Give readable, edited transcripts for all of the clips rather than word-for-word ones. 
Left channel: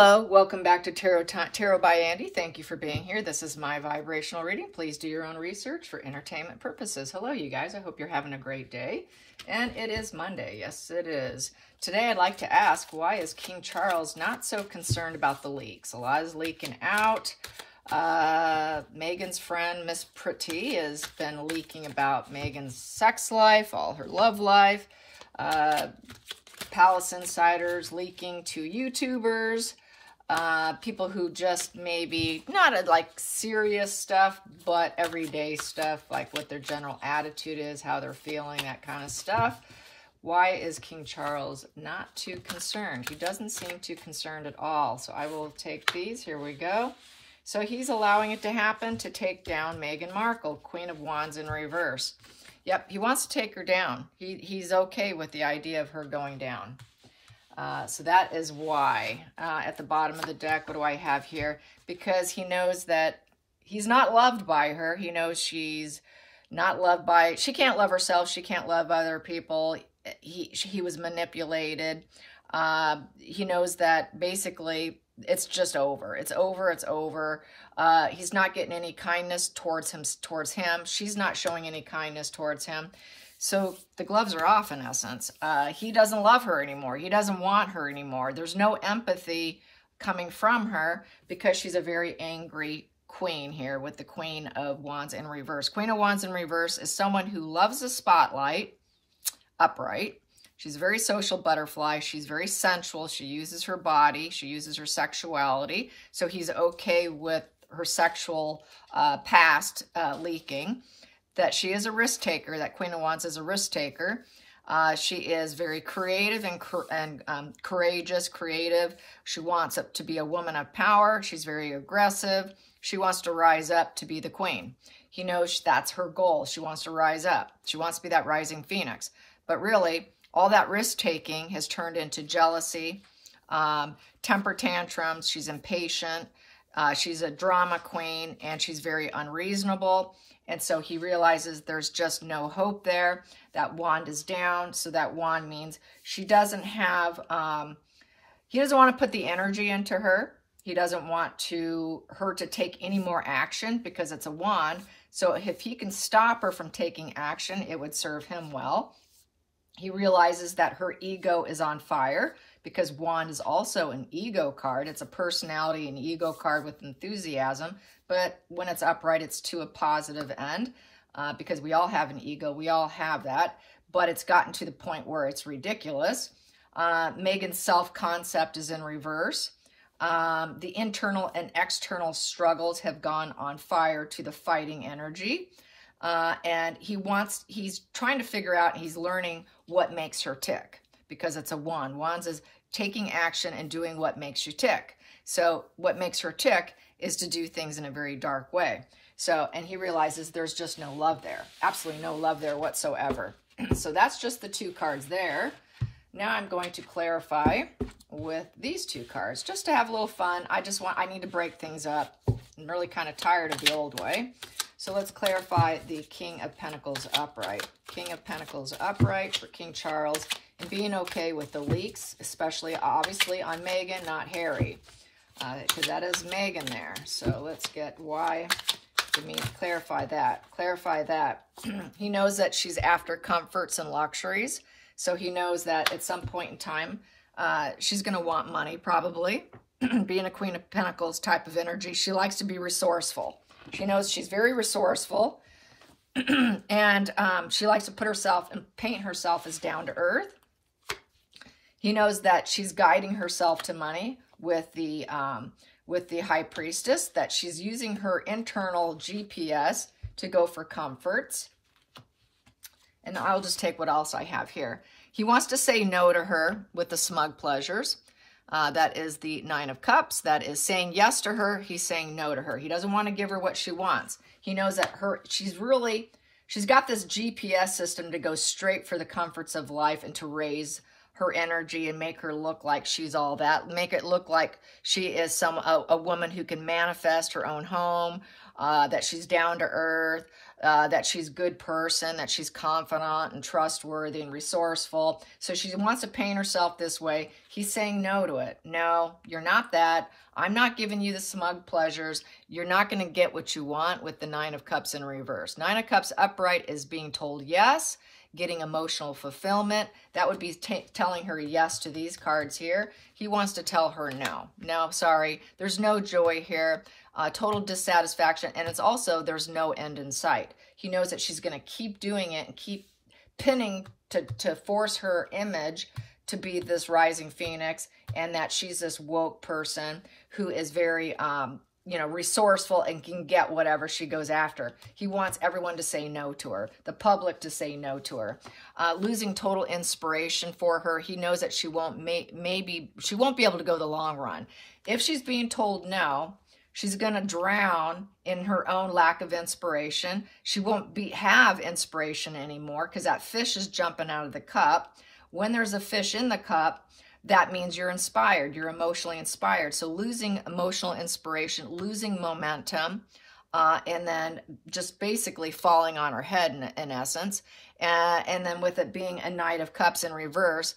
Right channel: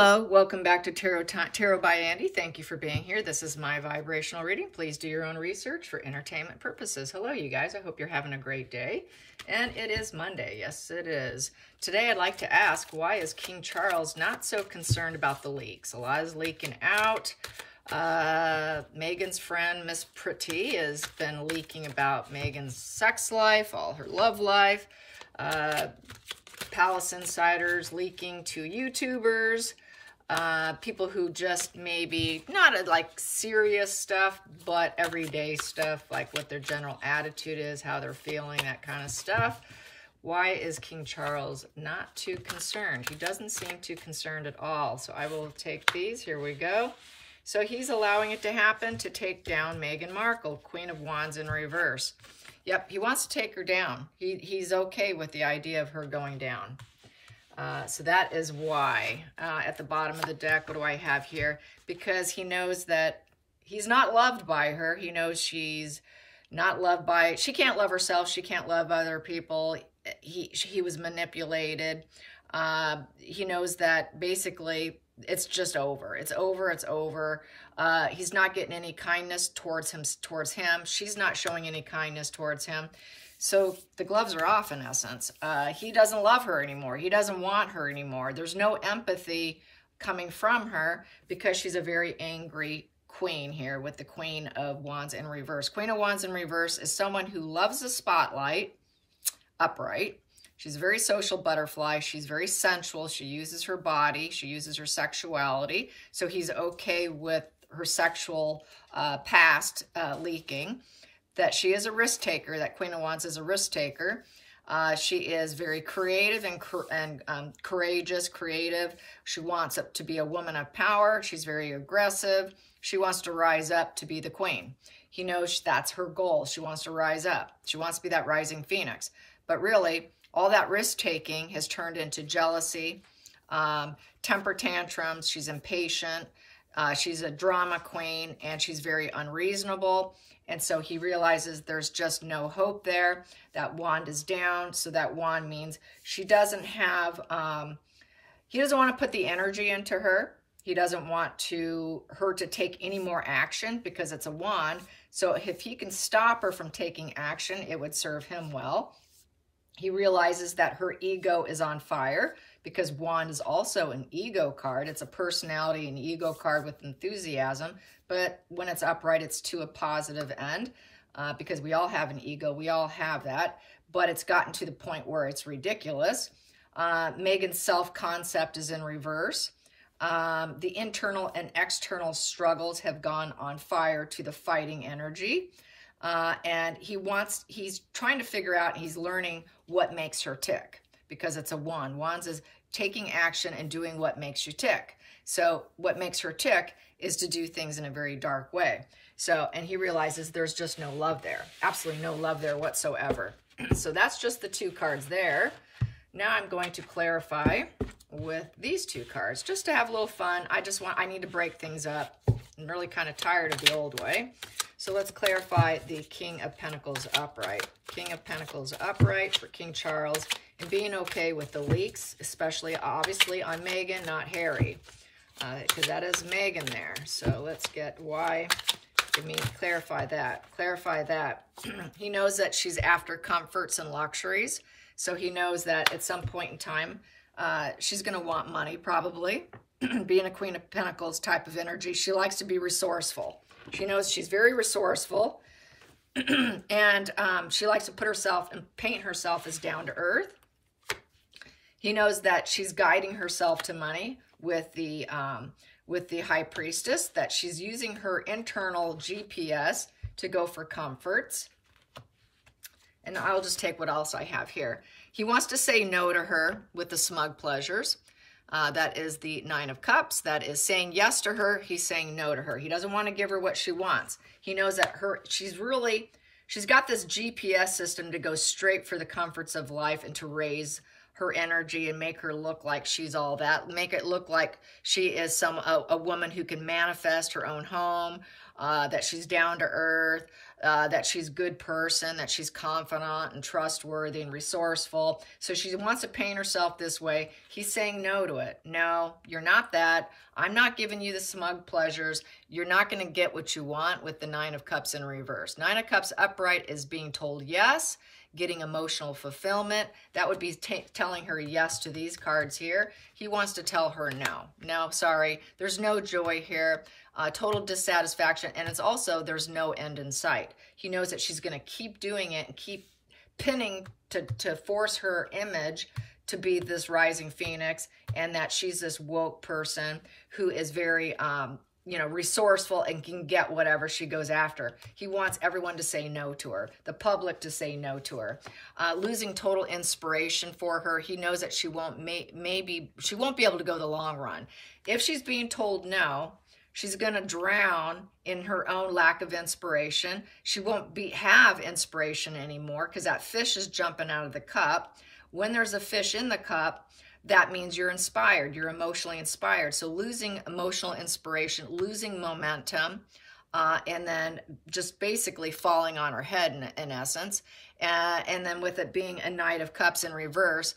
Hello, welcome back to Tarot by Andy. Thank you for being here. This is my vibrational reading. Please do your own research for entertainment purposes. Hello, you guys. I hope you're having a great day. And it is Monday. Yes, it is. Today, I'd like to ask, why is King Charles not so concerned about the leaks? A lot is leaking out. Meghan's friend, Miss Pretty, has been leaking about Meghan's sex life, all her love life. Palace insiders leaking to YouTubers, people who just maybe not like serious stuff, but everyday stuff, like what their general attitude is, how they're feeling, that kind of stuff. Why is King Charles not too concerned? He doesn't seem too concerned at all. So I will take these. Here we go. So he's allowing it to happen to take down Meghan Markle, Queen of Wands in reverse. Yep, he wants to take her down. He's okay with the idea of her going down. So that is why. At the bottom of the deck, what do I have here? Because he knows that he's not loved by her. He knows she's not loved by... She can't love herself. She can't love other people. He was manipulated. He knows that basically it's just over. It's over. It's over. He's not getting any kindness towards him. She's not showing any kindness towards him. So the gloves are off in essence. He doesn't love her anymore. He doesn't want her anymore. There's no empathy coming from her because she's a very angry queen here with the Queen of Wands in reverse. Queen of Wands in reverse is someone who loves the spotlight, upright. She's a very social butterfly. She's very sensual. She uses her body. She uses her sexuality. So he's okay with her sexual past leaking. That she is a risk taker. That Queen of Wands is a risk taker. She is very creative and courageous, creative. She wants to be a woman of power. She's very aggressive. She wants to rise up to be the queen. He knows that's her goal. She wants to rise up. She wants to be that rising phoenix. But really, all that risk-taking has turned into jealousy, temper tantrums. She's impatient. She's a drama queen, and she's very unreasonable. And so he realizes there's just no hope there. That wand is down. So that wand means she doesn't have, he doesn't want to put the energy into her. He doesn't want her to take any more action because it's a wand. So if he can stop her from taking action, it would serve him well. He realizes that her ego is on fire because wand is also an ego card. It's a personality and ego card with enthusiasm. But when it's upright, it's to a positive end because we all have an ego. We all have that. But it's gotten to the point where it's ridiculous. Meghan's self-concept is in reverse. The internal and external struggles have gone on fire to the fighting energy. And he's trying to figure out, he's learning what makes her tick because it's a wand. Wands is taking action and doing what makes you tick. So what makes her tick is to do things in a very dark way. So, and he realizes there's just no love there. Absolutely no love there whatsoever. So that's just the two cards there. Now I'm going to clarify with these two cards just to have a little fun. I need to break things up. I'm really kind of tired of the old way. So let's clarify the King of Pentacles upright. King of Pentacles upright for King Charles and being okay with the leaks, especially obviously on Meghan, not Harry. Because that is Meghan there. So let's get why. Let me clarify that. Clarify that. He knows that she's after comforts and luxuries. So he knows that at some point in time, she's going to want money probably. Being a Queen of Pentacles type of energy, she likes to be resourceful. She knows she's very resourceful. And she likes to put herself and paint herself as down to earth. He knows that she's guiding herself to money with the High Priestess, that she's using her internal GPS to go for comforts. And I'll just take what else I have here. He wants to say no to her with the smug pleasures. That is the Nine of Cups. That is saying yes to her. He's saying no to her. He doesn't want to give her what she wants. He knows that she's got this GPS system to go straight for the comforts of life and to raise her energy and make her look like she's all that. Make it look like she is a woman who can manifest her own home, that she's down to earth, that she's a good person, that she's confident and trustworthy and resourceful. So she wants to paint herself this way. He's saying no to it. No, you're not that. I'm not giving you the smug pleasures. You're not going to get what you want with the Nine of Cups in reverse. Nine of Cups upright is being told yes, getting emotional fulfillment. That would be telling her yes to these cards here. He wants to tell her no. No, sorry. There's no joy here. Total dissatisfaction. And it's also, there's no end in sight. He knows that she's going to keep doing it and keep pinning to force her image to be this rising phoenix, and that she's this woke person who is very, you know, resourceful and can get whatever she goes after. He wants everyone to say no to her, the public to say no to her. Losing total inspiration for her. He knows that she won't, she won't be able to go the long run. If she's being told no, she's going to drown in her own lack of inspiration. She won't have inspiration anymore because that fish is jumping out of the cup. When there's a fish in the cup, that means you're inspired. You're emotionally inspired. So losing emotional inspiration, losing momentum, and then just basically falling on her head in essence. And then with it being a Knight of Cups in reverse,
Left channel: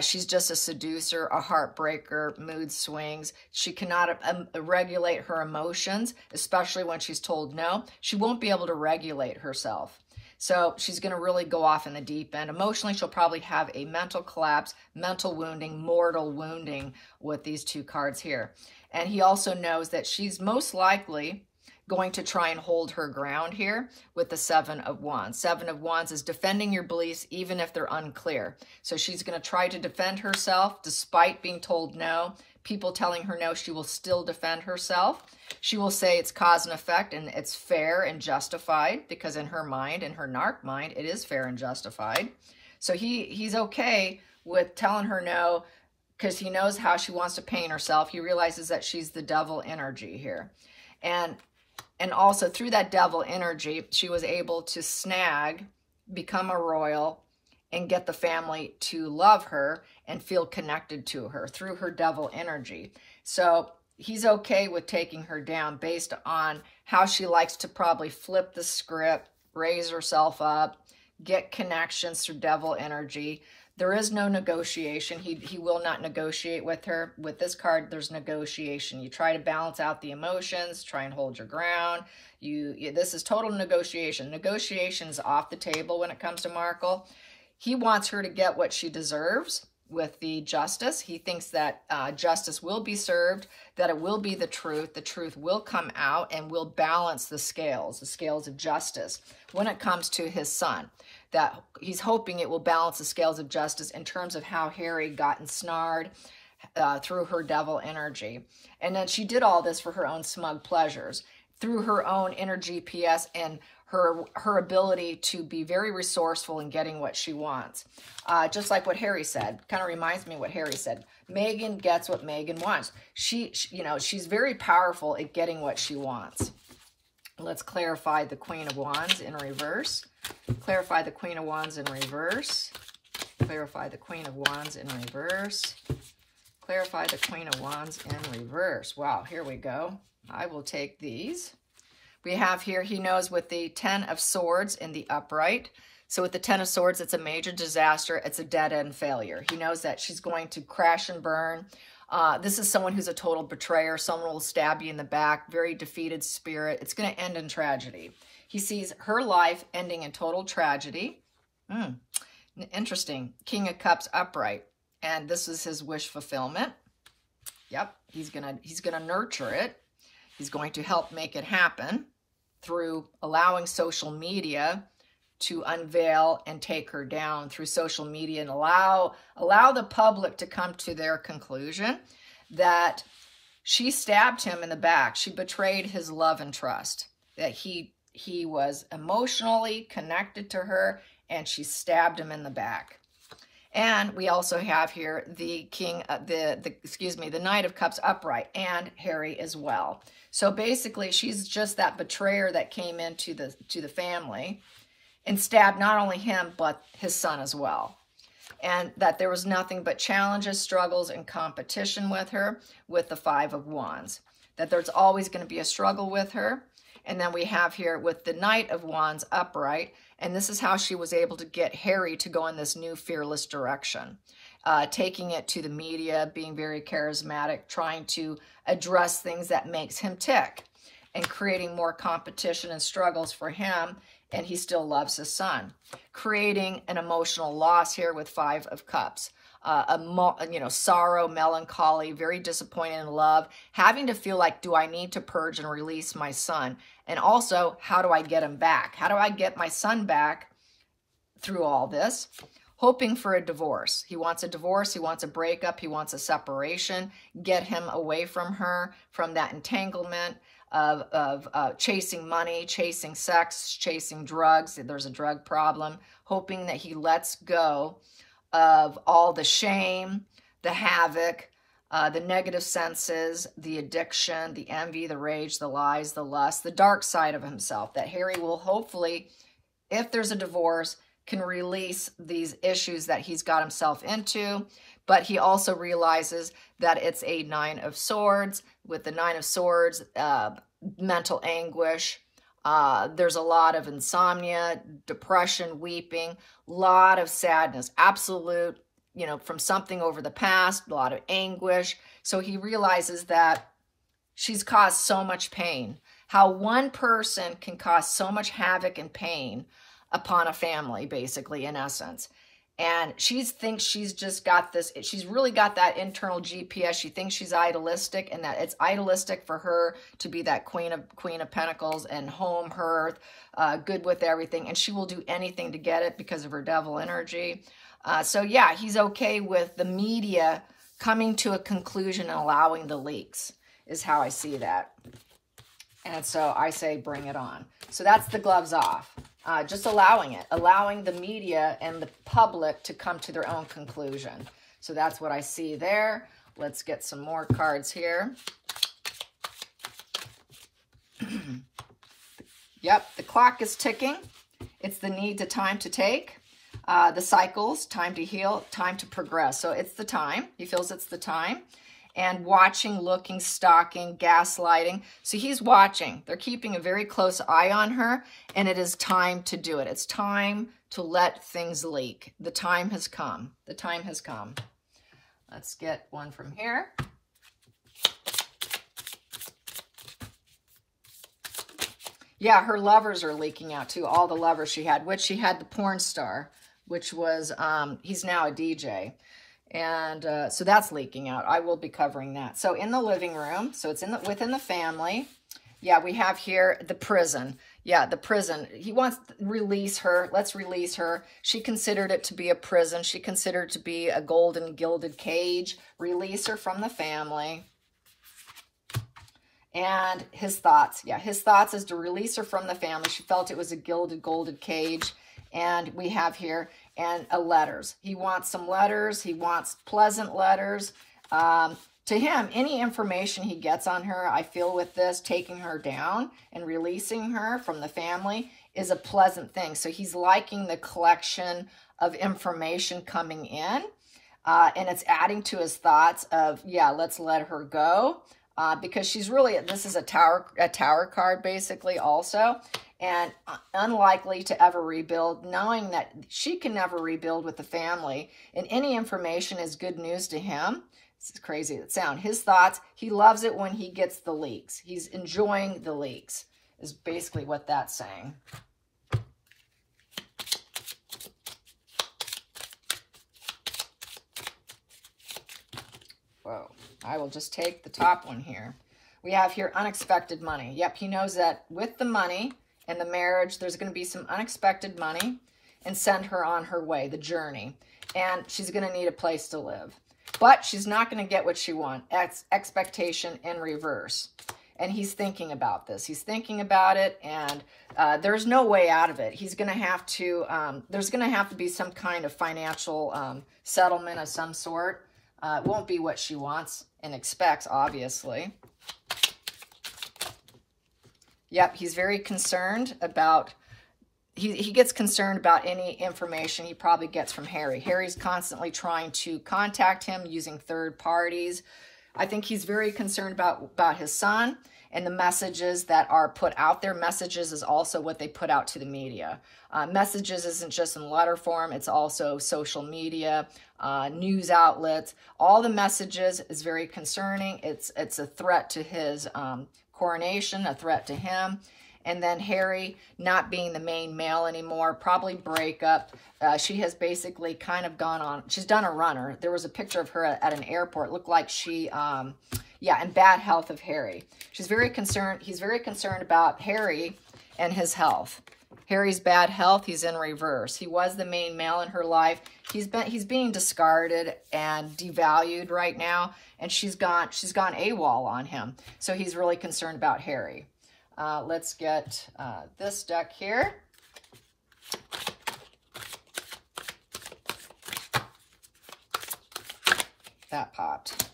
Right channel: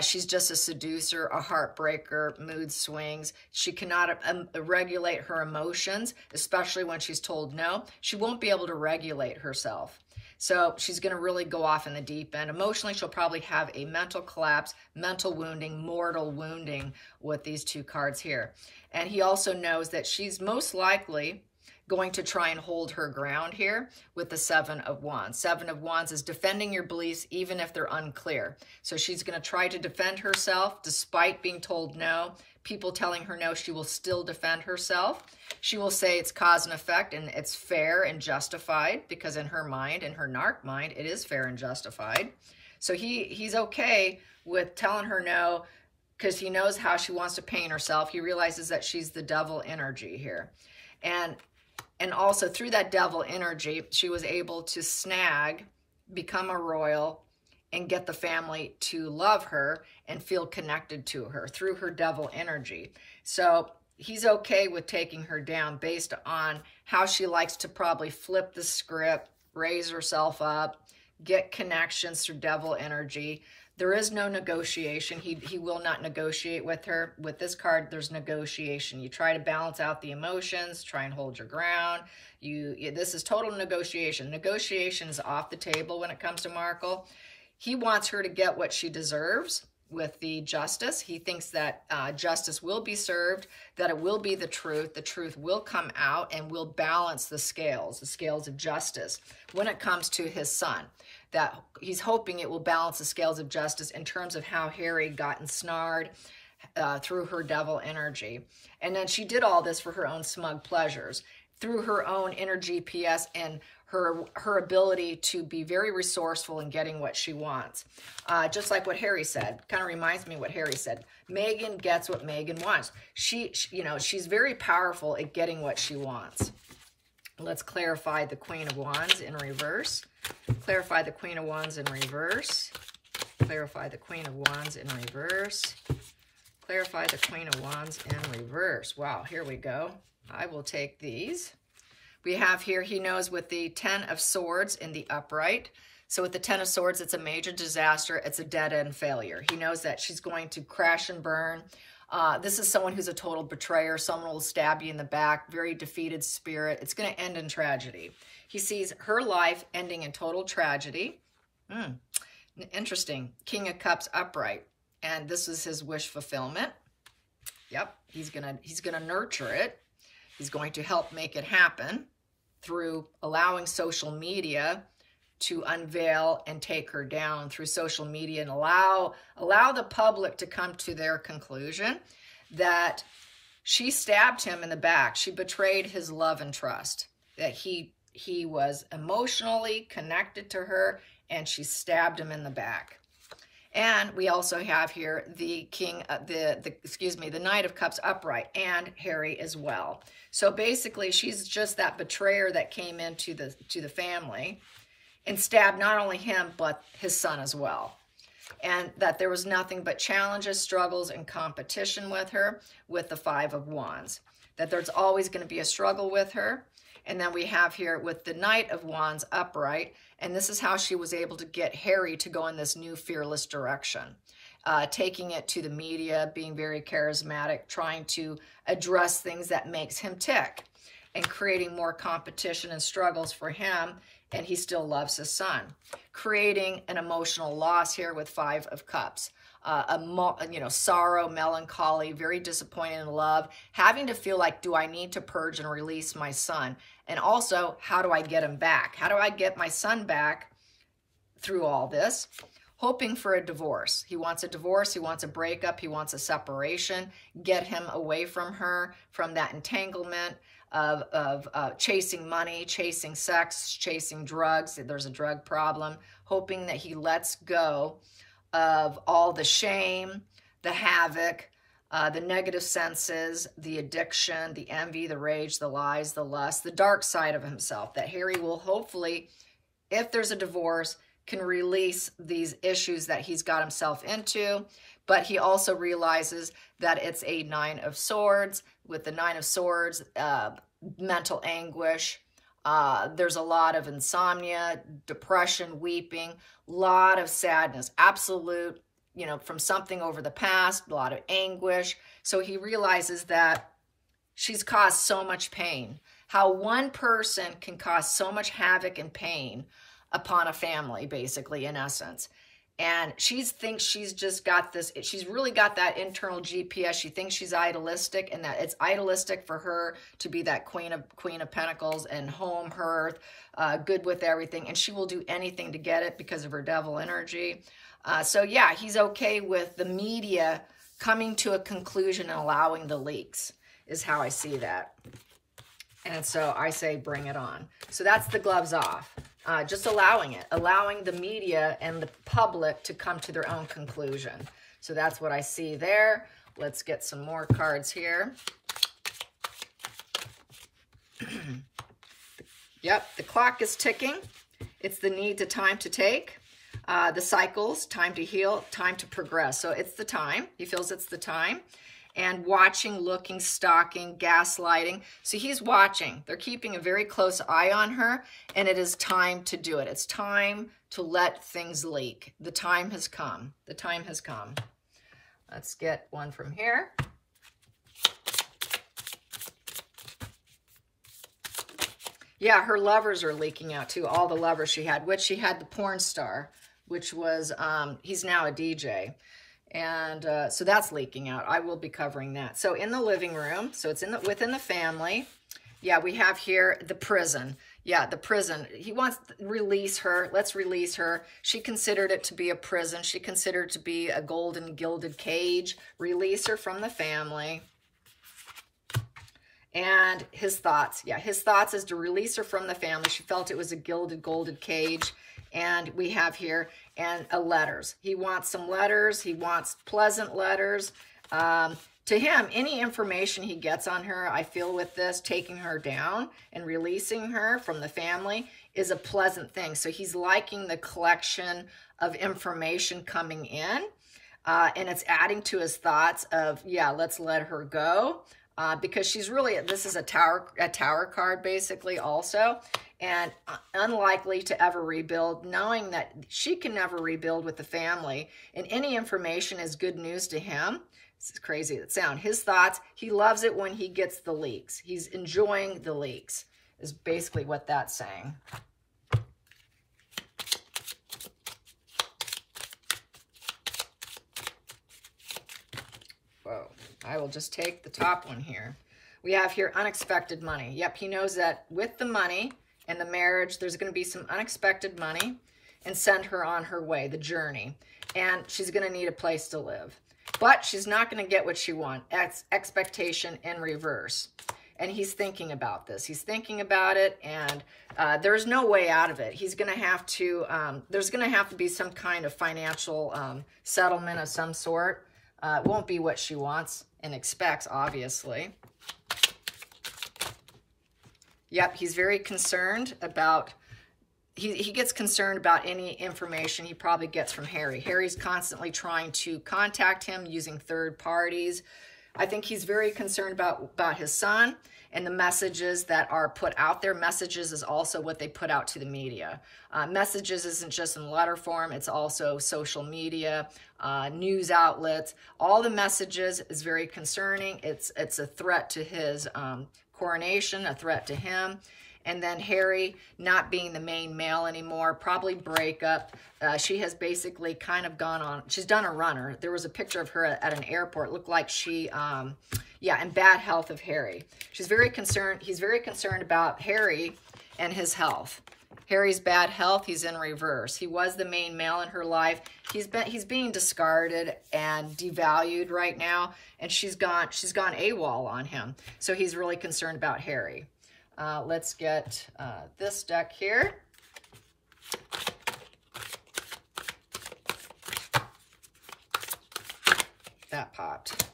she's just a seducer, a heartbreaker, mood swings. She cannot regulate her emotions, especially when she's told no. She won't be able to regulate herself. So she's going to really go off in the deep end. Emotionally, she'll probably have a mental collapse, mental wounding, mortal wounding with these two cards here. And he also knows that she's most likely going to try and hold her ground here with the Seven of Wands. Seven of Wands is defending your beliefs even if they're unclear. So she's going to try to defend herself despite being told no. People telling her no, she will still defend herself. She will say it's cause and effect and it's fair and justified because in her mind, in her narc mind, it is fair and justified. So he's okay with telling her no because he knows how she wants to paint herself. He realizes that she's the devil energy here. And also through that devil energy, she was able to snag, become a royal, and get the family to love her and feel connected to her through her devil energy. So he's okay with taking her down based on how she likes to probably flip the script, raise herself up, get connections through devil energy. There is no negotiation. He will not negotiate with her. With this card, there's negotiation. You try to balance out the emotions, try and hold your ground. This is total negotiation. Negotiation is off the table when it comes to Markle. He wants her to get what she deserves with the justice. He thinks that justice will be served, that it will be the truth will come out and will balance the scales of justice when it comes to his son. That he's hoping it will balance the scales of justice in terms of how Harry got ensnared through her devil energy. And then she did all this for her own smug pleasures, through her own inner GPS and her ability to be very resourceful in getting what she wants. Just like what Harry said, kind of reminds me of what Harry said. Meghan gets what Meghan wants. She's very powerful at getting what she wants. Let's clarify the Queen of Wands in reverse. Clarify the Queen of Wands in reverse. Clarify the Queen of Wands in reverse. Clarify the Queen of Wands in reverse. Wow, here we go. I will take these. We have here, he knows with the Ten of Swords in the upright. So with the Ten of Swords, it's a major disaster. It's a dead-end failure. He knows that she's going to crash and burn. This is someone who's a total betrayer. Someone will stab you in the back. Very defeated spirit. It's going to end in tragedy. He sees her life ending in total tragedy. Interesting. King of Cups upright. And this is his wish fulfillment. Yep. He's gonna nurture it. He's going to help make it happen through allowing social media to unveil and take her down through social media and allow the public to come to their conclusion that she stabbed him in the back. She betrayed his love and trust, that he was emotionally connected to her and she stabbed him in the back. And we also have here the the Knight of Cups upright and Harry as well. So basically she's just that betrayer that came into the family and stabbed not only him, but his son as well. And that there was nothing but challenges, struggles, and competition with her with the Five of Wands. That there's always going to be a struggle with her. And then we have here with the Knight of Wands upright, and this is how she was able to get Harry to go in this new fearless direction. Taking it to the media, being very charismatic, trying to address things that makes him tick, and creating more competition and struggles for him, and he still loves his son. Creating an emotional loss here with Five of Cups. Sorrow, melancholy, very disappointed in love, having to feel like, do I need to purge and release my son? And also, how do I get him back? How do I get my son back through all this? Hoping for a divorce. He wants a divorce, he wants a breakup, he wants a separation, get him away from her, from that entanglement of chasing money, chasing sex, chasing drugs. There's a drug problem. Hoping that he lets go of all the shame, the havoc, the negative senses, the addiction, the envy, the rage, the lies, the lust, the dark side of himself, that Harry will hopefully, if there's a divorce, can release these issues that he's got himself into. But he also realizes that it's a Nine of Swords. With the Nine of Swords, mental anguish. There's a lot of insomnia, depression, weeping, a lot of sadness, absolute, from something over the past, a lot of anguish. So he realizes that she's caused so much pain. How one person can cause so much havoc and pain upon a family, basically, in essence. And she thinks she's just got this, she's really got that internal GPS. She thinks she's idealistic, and that it's idealistic for her to be that Queen of Pentacles and home, hearth, good with everything. And she will do anything to get it because of her devil energy. So yeah, he's okay with the media coming to a conclusion and allowing the leaks, is how I see that. And so I say, bring it on. So that's the gloves off. Just allowing it, allowing the media and the public to come to their own conclusion. So that's what I see there. Let's get some more cards here. Yep, the clock is ticking. It's the need to time to take. The cycles, time to heal, time to progress. So it's the time. He feels it's the time. And watching, looking, stalking, gaslighting. So he's watching. They're keeping a very close eye on her, and it is time to do it. It's time to let things leak. The time has come. The time has come. Let's get one from here. Yeah, her lovers are leaking out too. All the lovers she had, which she had the porn star, which was, he's now a DJ. And so that's leaking out. I will be covering that. So in the living room, so it's within the family. Yeah, we have here the prison. Yeah, the prison. He wants to release her. Let's release her. She considered it to be a prison. She considered it to be a golden gilded cage. Release her from the family. And his thoughts. Yeah, his thoughts is to release her from the family. She felt it was a gilded cage. And we have here, and letters. He wants some letters. He wants pleasant letters. To him, any information he gets on her, I feel with this, taking her down and releasing her from the family is a pleasant thing. So he's liking the collection of information coming in. And it's adding to his thoughts of, yeah, let's let her go. Because she's really, this is a tower card basically also. And unlikely to ever rebuild, knowing that she can never rebuild with the family. And any information is good news to him. It's crazy that sound. His thoughts, he loves it when he gets the leaks. He's enjoying the leaks, is basically what that's saying. Whoa, I will just take the top one here. We have here unexpected money. Yep, he knows that with the money, in the marriage, there's going to be some unexpected money, and send her on her way, the journey. And she's going to need a place to live. But she's not going to get what she wants. Expectation in reverse. And he's thinking about this. He's thinking about it, and there's no way out of it. He's going to have to, there's going to have to be some kind of financial settlement of some sort. It won't be what she wants and expects, obviously. Yep, he's very concerned about, he gets concerned about any information he probably gets from Harry. Harry's constantly trying to contact him using third parties. I think he's very concerned about his son and the messages that are put out there. Messages is also what they put out to the media. Messages isn't just in letter form, it's also social media, news outlets. All the messages is very concerning. It's a threat to his coronation, a threat to him. And then Harry not being the main male anymore, probably breakup. She has basically kind of gone on, she's done a runner. There was a picture of her at an airport. Looked like she, in bad health of Harry. She's very concerned, he's very concerned about Harry and his health. Harry's bad health, he's in reverse. He was the main male in her life. He's being discarded and devalued right now. And she's gone AWOL on him. So he's really concerned about Harry. Let's get this deck here. That popped.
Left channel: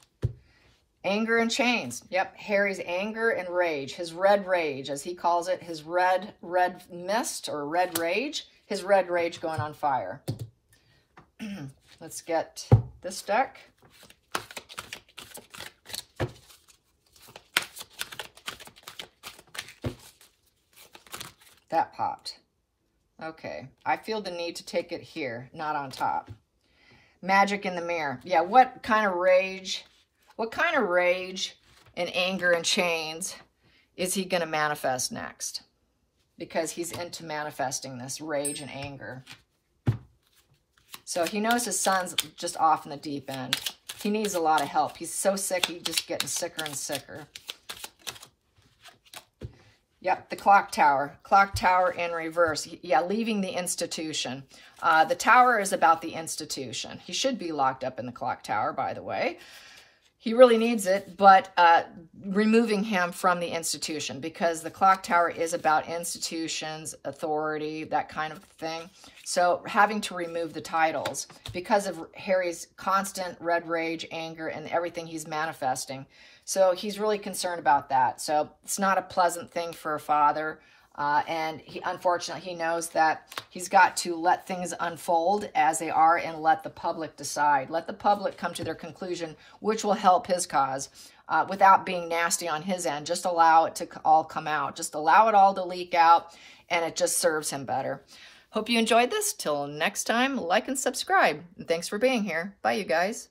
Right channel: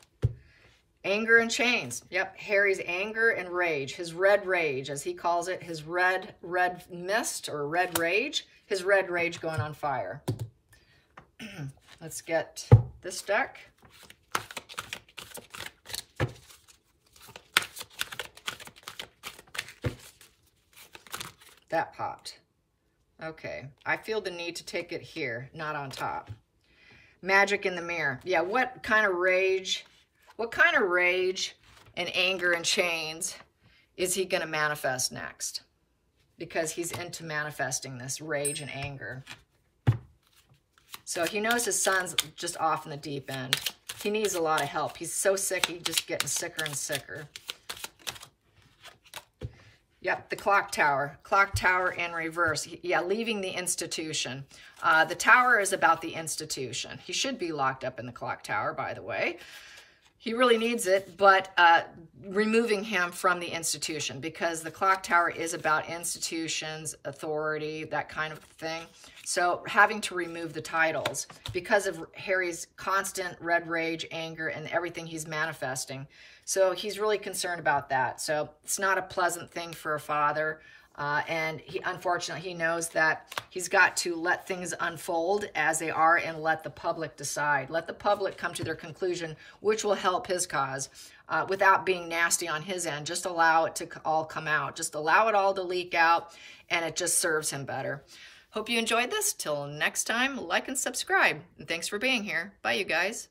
Anger and chains. Yep, Harry's anger and rage. His red rage, as he calls it. His red mist or red rage. His red rage going on fire. Let's get this deck. That popped. Okay, I feel the need to take it here, not on top. Magic in the mirror. Yeah, what kind of rage and anger and chains is he going to manifest next? Because he's into manifesting this rage and anger. So he knows his son's just off in the deep end. He needs a lot of help. He's so sick, he's just getting sicker and sicker. Yep, the clock tower. Clock tower in reverse. Yeah, leaving the institution. The tower is about the institution. He should be locked up in the clock tower, by the way. He really needs it, but removing him from the institution, because the clock tower is about institutions, authority, that kind of thing. So having to remove the titles because of Harry's constant red rage, anger, and everything he's manifesting. So he's really concerned about that. So it's not a pleasant thing for a father. And unfortunately, he knows that he's got to let things unfold as they are and let the public decide. Let the public come to their conclusion, which will help his cause without being nasty on his end. Just allow it to all come out. Just allow it all to leak out, and it just serves him better. Hope you enjoyed this. Till next time, like and subscribe. And thanks for being here. Bye, you guys.